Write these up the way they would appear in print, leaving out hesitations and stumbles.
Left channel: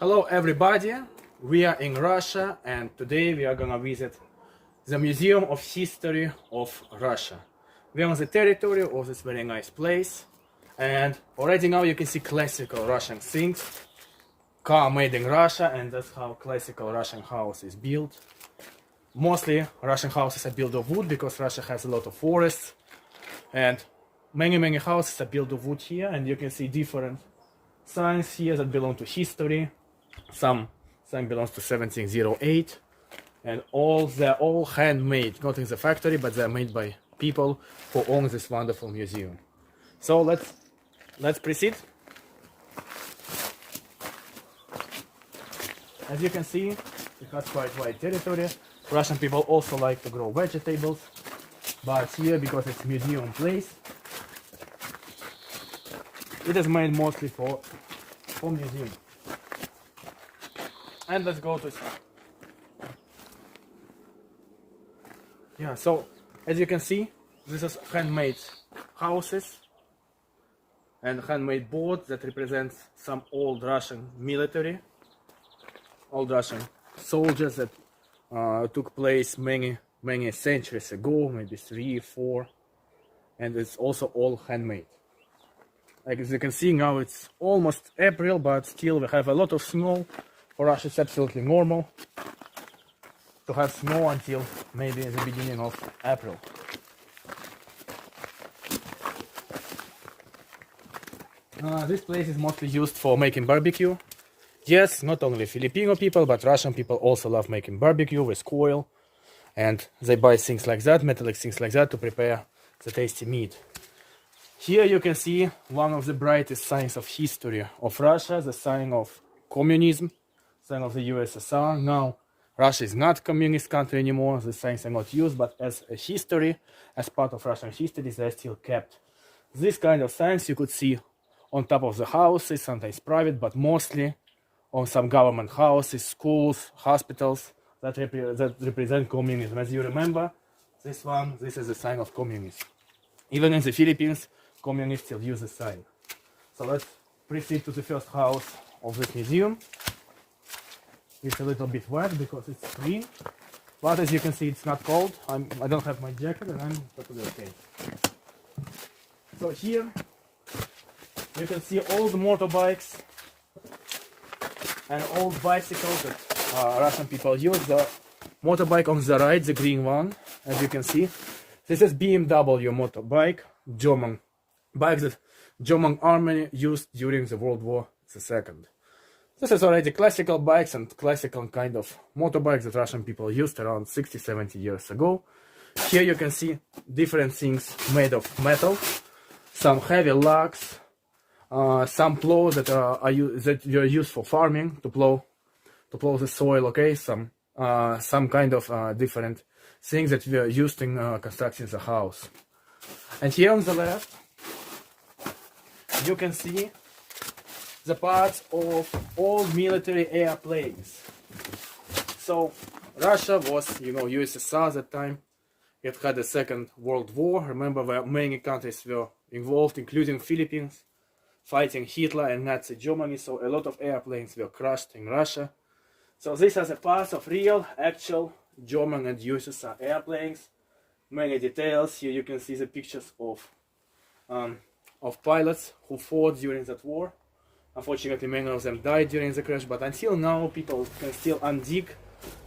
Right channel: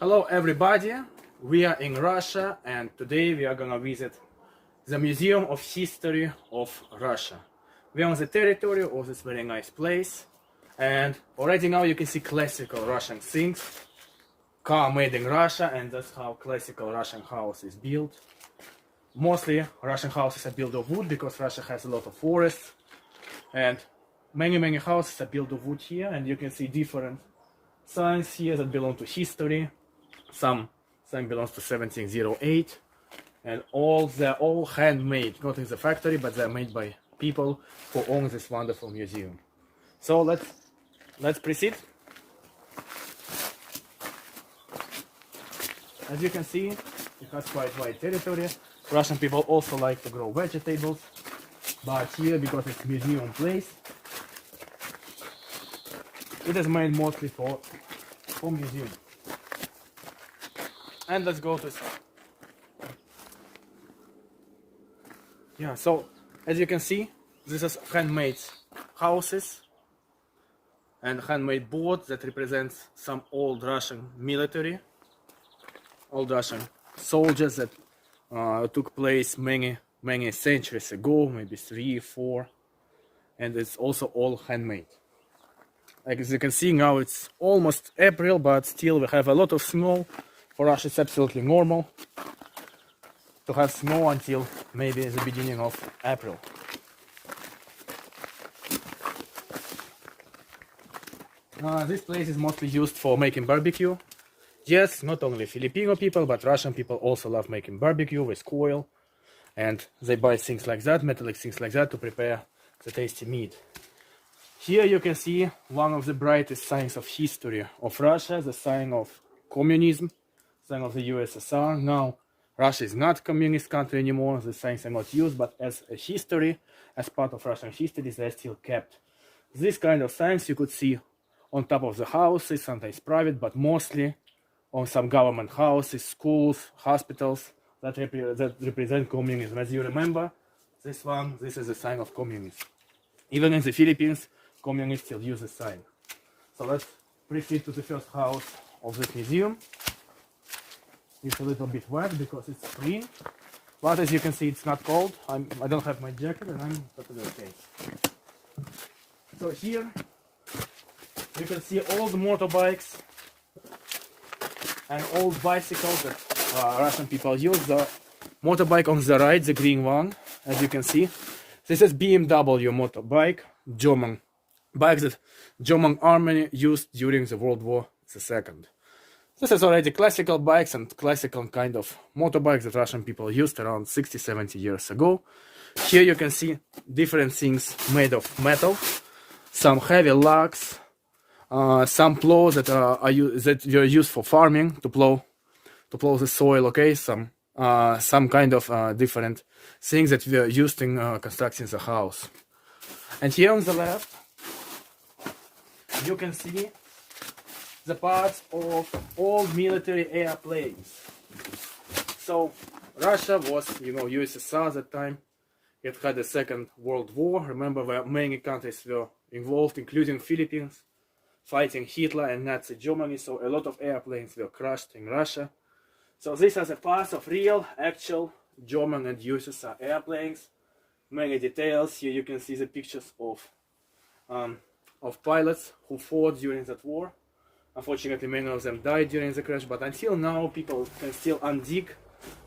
Hello everybody, we are in Russia and today we are gonna visit the Museum of History of Russia. We are on the territory of this very nice place and already now you can see classical Russian things, car made in Russia, and that's how classical Russian house is built. Mostly Russian houses are built of wood because Russia has a lot of forests, and many houses are built of wood here, and you can see different signs here that belong to history. Some belongs to 1708, and they're all handmade, not in the factory, but they're made by people who own this wonderful museum. So let's proceed. As you can see, it has quite wide territory. Russian people also like to grow vegetables, but here, because it's museum place, it is made mostly for museum. And let's go to so as you can see, this is handmade houses and handmade boards that represent some old Russian military, old Russian soldiers that took place many centuries ago, maybe 3, 4, and it's also all handmade. Like as you can see now, it's almost April, but still we have a lot of snow. For us it's absolutely normal to have snow until maybe the beginning of April. This place is mostly used for making barbecue. Yes, not only Filipino people, but Russian people also love making barbecue with coal, and they buy things like that, metallic things like that, to prepare the tasty meat. Here you can see one of the brightest signs of history of Russia, the sign of communism, sign of the USSR. Now Russia is not a communist country anymore, the signs are not used, but as a history, as part of Russian history, they are still kept. This kind of signs you could see on top of the houses, sometimes private, but mostly on some government houses, schools, hospitals that represent communism. As you remember, this is a sign of communism. Even in the Philippines, communists still use the sign. So let's proceed to the first house of this museum. It's a little bit wet because it's spring, but as you can see, it's not cold. I don't have my jacket and I'm totally okay. So here you can see old motorbikes and old bicycles that Russian people use. The motorbike on the right, the green one, as you can see, this is BMW motorbike, German bike that German army used during the World War II. This is already classical bikes and classical kind of motorbikes that Russian people used around 60-70 years ago. Here you can see different things made of metal, some heavy lugs, some plows that were used for farming, to plow the soil. Okay, some kind of different things that were used in constructing the house. And here on the left, you can see the parts of old military airplanes. So Russia was, USSR at that time. It had the Second World War. Remember, where many countries were involved, including Philippines, fighting Hitler and Nazi Germany. So a lot of airplanes were crushed in Russia. So these are the parts of real, actual German and USSR airplanes. Many details. Here you can see the pictures of pilots who fought during that war. Unfortunately, many of them died during the crash, but until now, people can still undig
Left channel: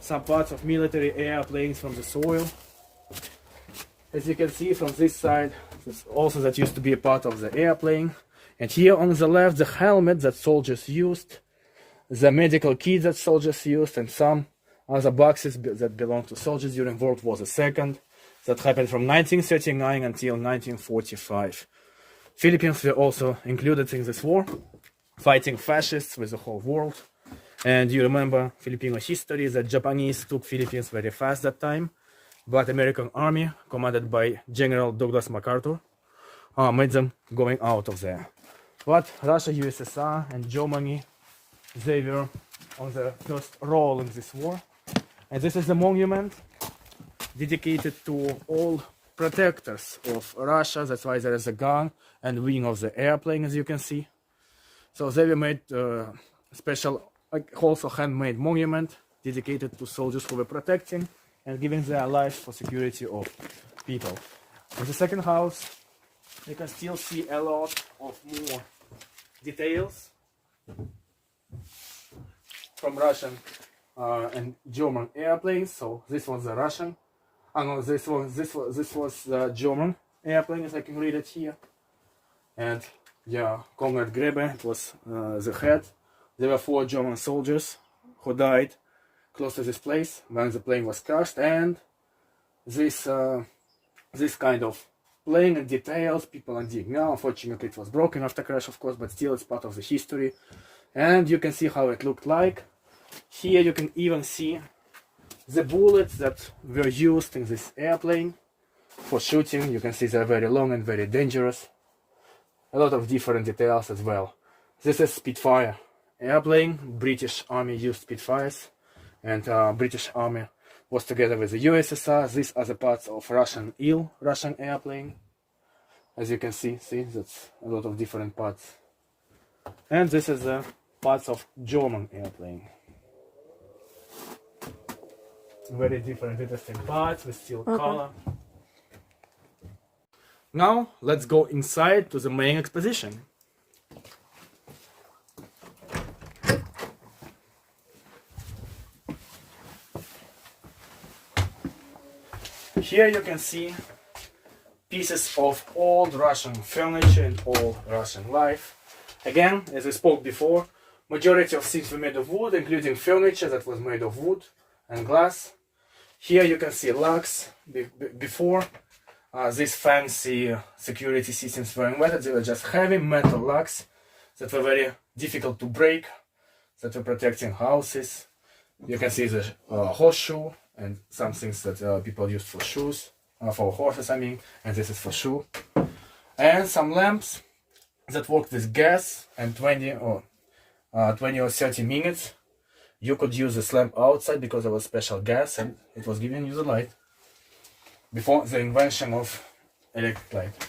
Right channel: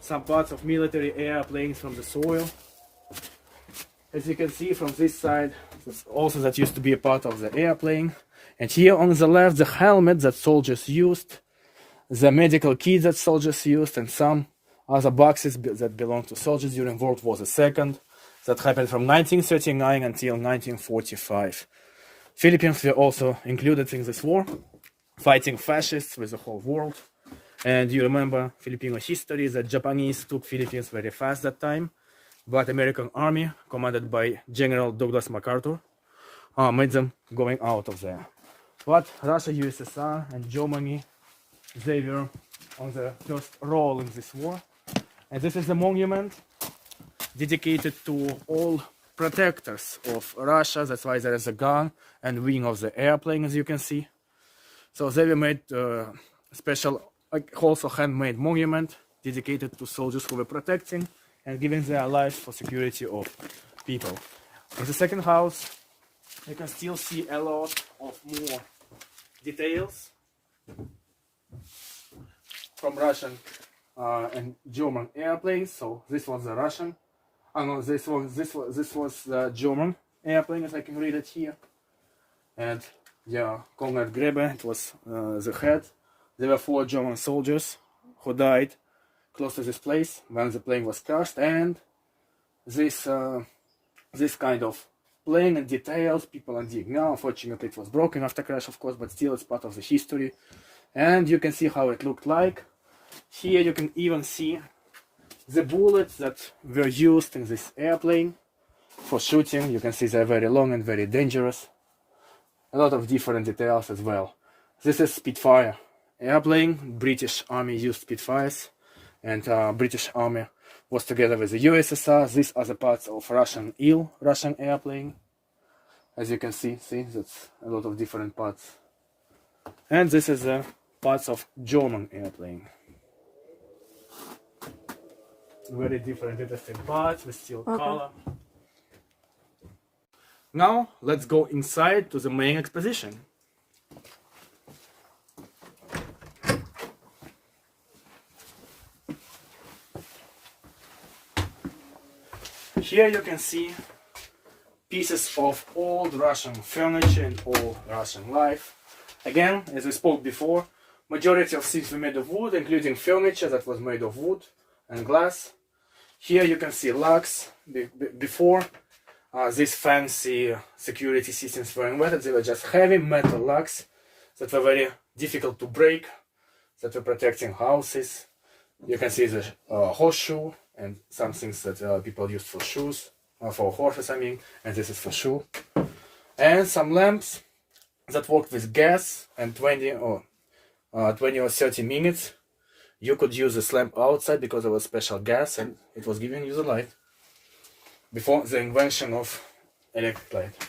some parts of military airplanes from the soil. As you can see from this side, also that used to be a part of the airplane. And here on the left, the helmet that soldiers used, the medical kit that soldiers used, and some other boxes that belonged to soldiers during World War II. That happened from 1939 until 1945. Philippines were also included in this war, fighting fascists with the whole world. And you remember Filipino history that Japanese took Philippines very fast that time, but American army, commanded by General Douglas MacArthur, made them going out of there. But Russia, USSR, and Germany, they were on the first role in this war. And this is a monument dedicated to all protectors of Russia. That's why there is a gun and wing of the airplane, as you can see. So they were made special also handmade monument dedicated to soldiers who were protecting and giving their lives for security of people. In the second house, you can still see a lot of more details from Russian and German airplanes. So this was the Russian. No, this was the German airplane, as I can read it here. And yeah, Konrad Grebe, it was the head. There were 4 German soldiers who died close to this place when the plane was crashed. And this kind of plane and details people are digging now. Unfortunately, it was broken after crash, of course, but still it's part of the history. And you can see how it looked like. Here you can even see the bullets that were used in this airplane for shooting. You can see they're very long and very dangerous. A lot of different details as well. This is Spitfire airplane. British Army used Spitfires, and British Army was together with the USSR. These are the parts of Russian Il, Russian airplane. As you can see, that's a lot of different parts. And this is the parts of German airplane. Very different, interesting parts with steel color. Now let's go inside to the main exposition. Here you can see pieces of old Russian furniture and old Russian life. Again, as I spoke before, majority of things were made of wood, including furniture that was made of wood and glass. Here you can see locks. Before these fancy security systems were invented, they were just heavy metal locks that were very difficult to break, that were protecting houses. You can see the horseshoe and some things that people used for shoes, for horses I mean, and this is for shoe. And some lamps that worked with gas, and 20 or 30 minutes you could use this lamp outside because there was special gas and it was giving you the light before the invention of electric light.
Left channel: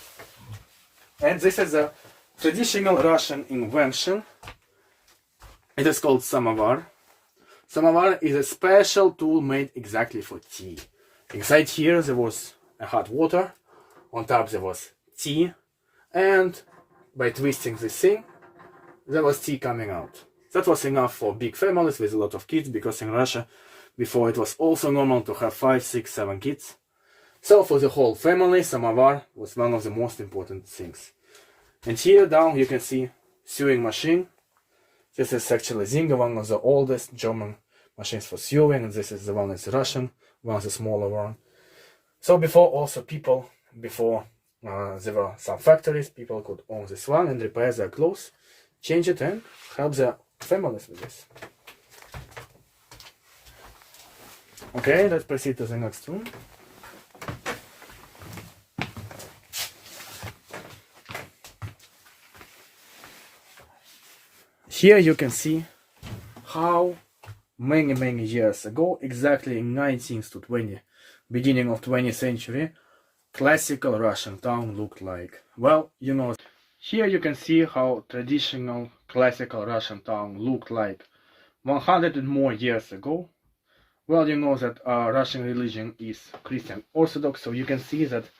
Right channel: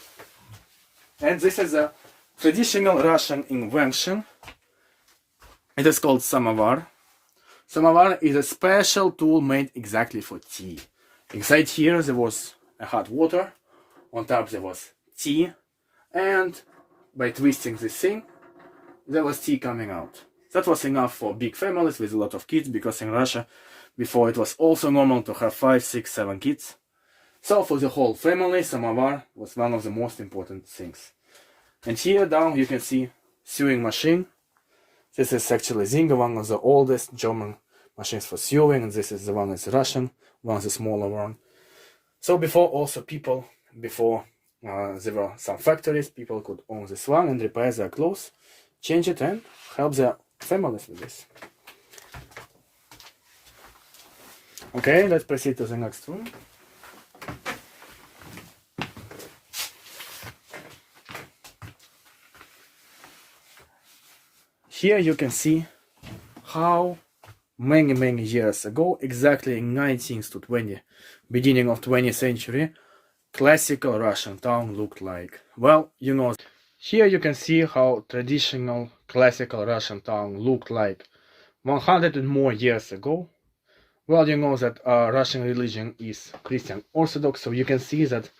And this is a traditional Russian invention. It is called samovar. Samovar is a special tool made exactly for tea. Inside here there was a hot water, on top there was tea, and by twisting this thing there was tea coming out. That was enough for big families with a lot of kids, because in Russia before it was also normal to have 5, 6, 7 kids. So for the whole family, samovar was one of the most important things. And here down you can see sewing machine. This is actually Zinga, one of the oldest German machines for sewing, and this is the one that's Russian, one of the smaller one. So before also people, before there were some factories, people could own this one and repair their clothes, change it and help their families with this. Okay, let's proceed to the next room. Here you can see how many years ago, exactly in 19th to 20th, beginning of 20th century, classical Russian town looked like. Well, you know, here you can see how traditional classical Russian town looked like 100 and more years ago. Well, you know that Russian religion is Christian Orthodox, so you can see that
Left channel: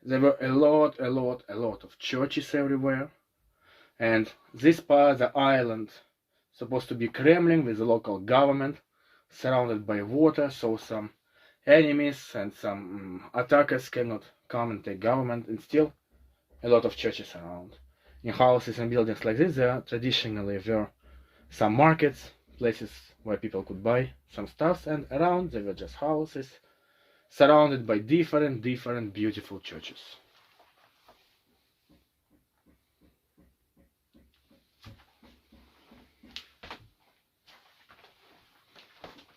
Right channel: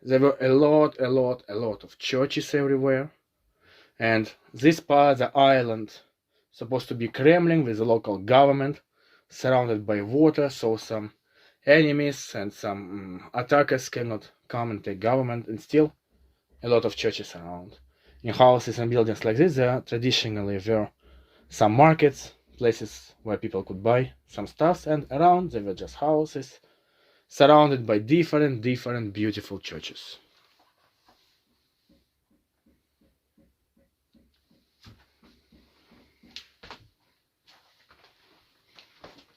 there were a lot of churches everywhere. And this part, the island, supposed to be Kremlin with the local government, surrounded by water, so some enemies and some attackers cannot come and take government, and still a lot of churches around. In houses and buildings like this, there traditionally were some markets, places where people could buy some stuff, and around there were just houses surrounded by different beautiful churches.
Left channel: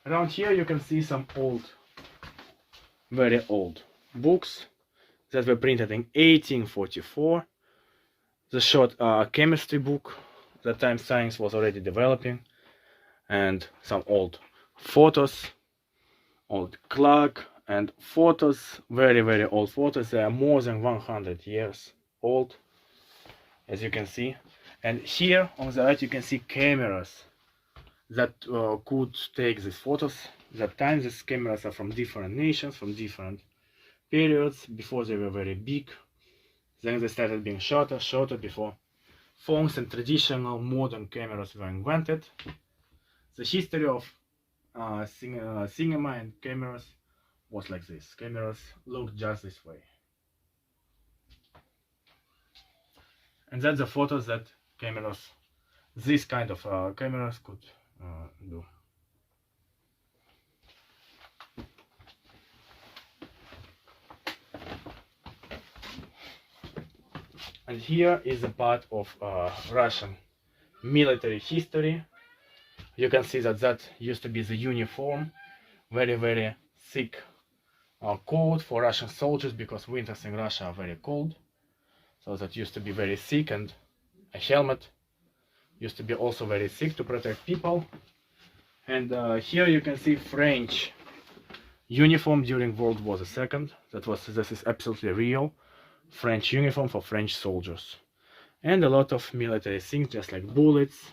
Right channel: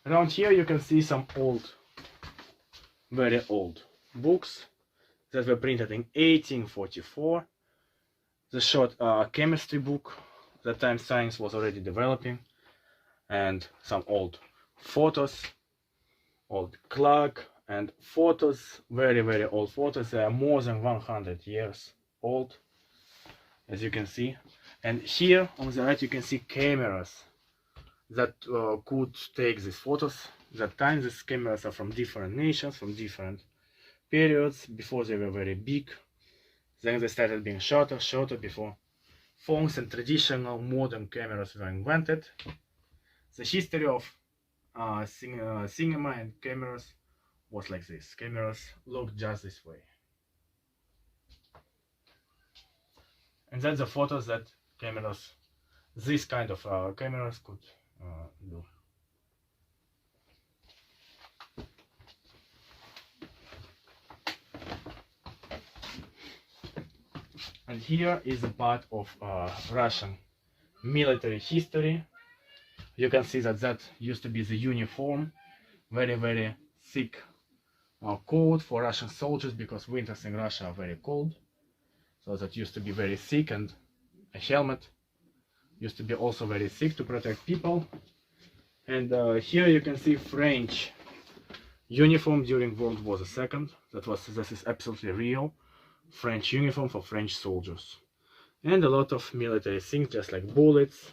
Around here you can see some old, very old books that were printed in 1844. The short chemistry book, that time science was already developing, and some old photos, old clock, and photos, very old photos. They are more than 100 years old, as you can see. And here on the right you can see cameras that could take these photos. That time these cameras are from different nations, from different periods. Before they were very big, then they started being shorter before phones and traditional modern cameras were invented. The history of cinema and cameras was like this. Cameras looked just this way. And that's the photos that cameras, this kind of cameras could do. And here is a part of Russian military history. You can see that used to be the uniform, very thick coat for Russian soldiers, because winters in Russia are very cold. So that used to be very thick, and a helmet used to be also very thick to protect people. And here you can see French uniform during World War II. This is absolutely real French uniform for French soldiers. And a lot of military things, just like bullets,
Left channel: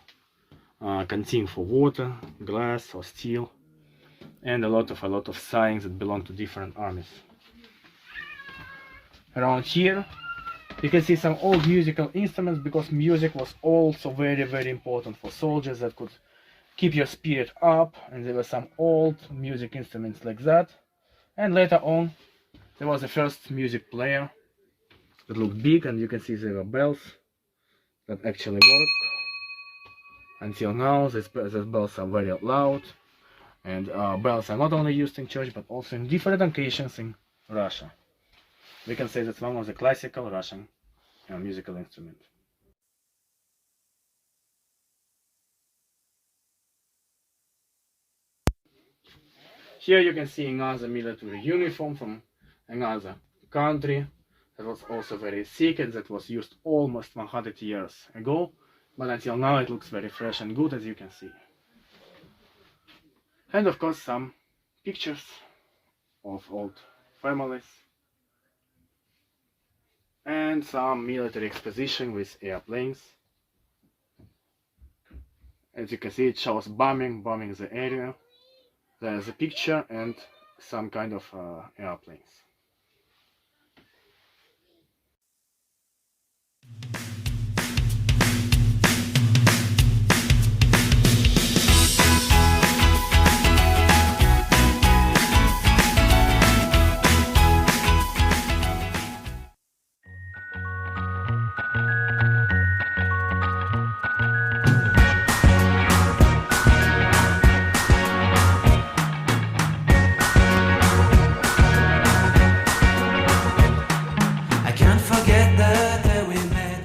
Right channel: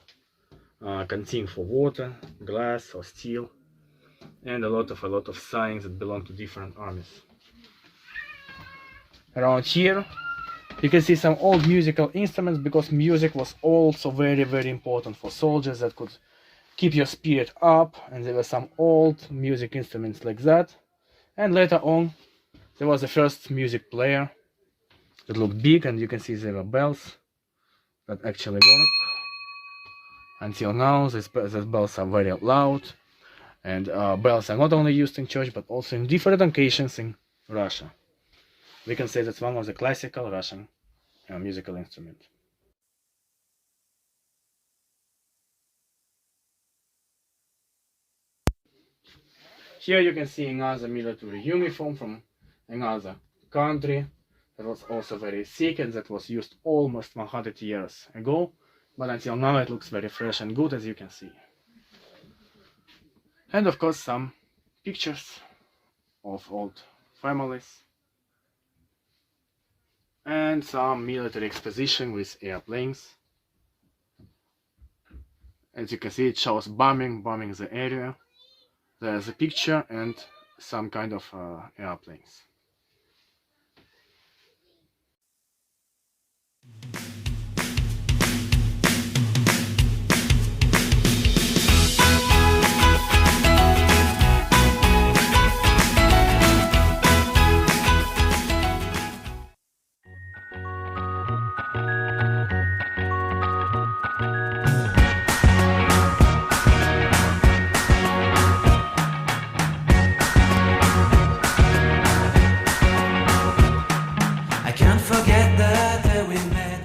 canteen for water, glass or steel, and a lot of signs that belong to different armies. Around here you can see some old musical instruments, because music was also very important for soldiers, that could keep your spirit up, and there were some old music instruments like that. And later on there was the first music player that looked big, and you can see there were bells that actually work. Until now these bells are very loud, and bells are not only used in church but also in different occasions in Russia. We can say that's one of the classical Russian musical instruments. Here you can see another military uniform from another country that was also very thick, and that was used almost 100 years ago, but until now it looks very fresh and good, as you can see. And of course some pictures of old families, and some military exposition with airplanes. As you can see, it shows bombing the area. There's a picture and some kind of airplanes. I can't forget the day we met.